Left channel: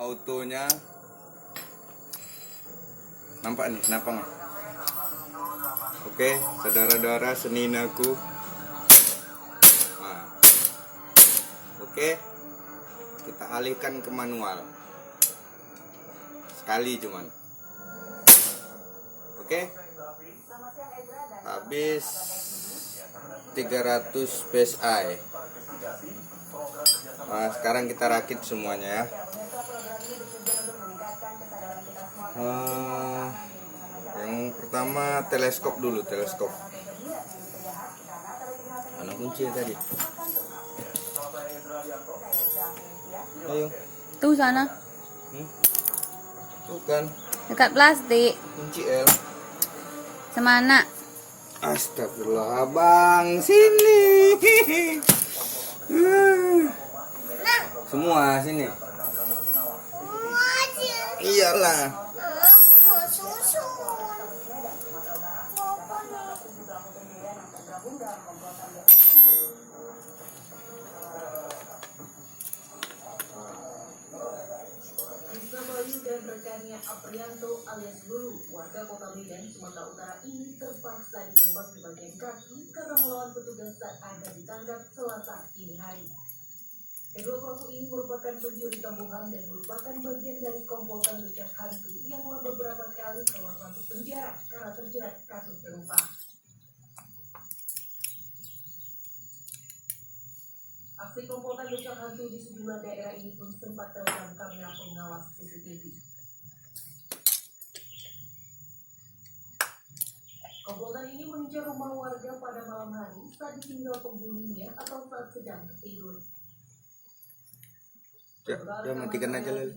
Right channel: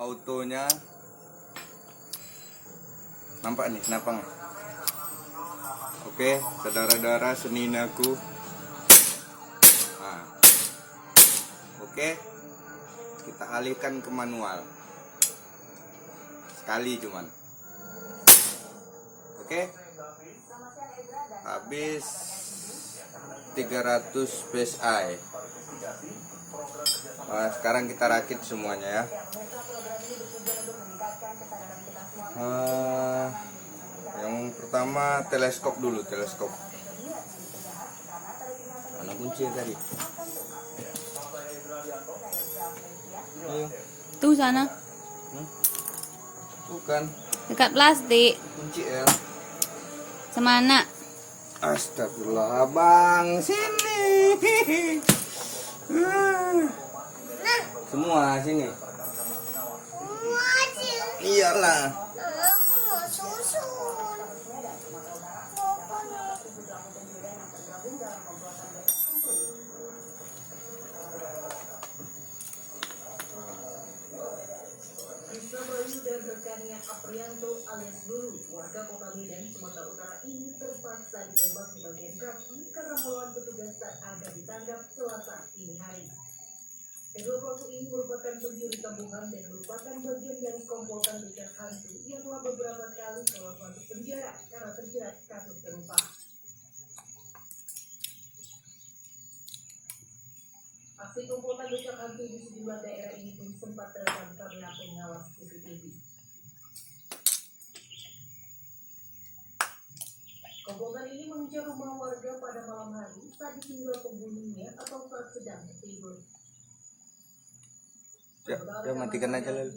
autonya. Nampak nih napangnya. Oke, saudara-saudara seninaku. Nah, oke, kita alihkan ke manual. Sekali cuman. Oke. Habis 300 psi. Nah, sekarang kita rakit semuanya ya. Yang pertama teleskop dulu, teleskop. Mana kunci tadi? Ayo. Tuh sana. Bukan. Dekat plastik. Kunci L. Semana? Astagfirullah, abang sini. Semua sini. Iyalah. Bayu dan rekannya Aprianto alias Lulu, warga Kota Medan, Sumatera Utara ini terpaksa ditembak di bagian kaki karena melawan petugas saat akan ditangkap Selasa dini hari. Kedua pelaku ini merupakan pencuri kampungan dan merupakan bagian dari komplotan becak hantu yang telah beberapa kali keluar masuk penjara karena terjerat kasus serupa. Aksi komplotan becak hantu di sejumlah daerah ini pun sempat terekam kamera pengawas CCTV. Komplotan ini mengincar rumah warga pada malam hari saat ditinggal pembunuhnya atau saat sedang tertidur. Ya, matikan aja lalu.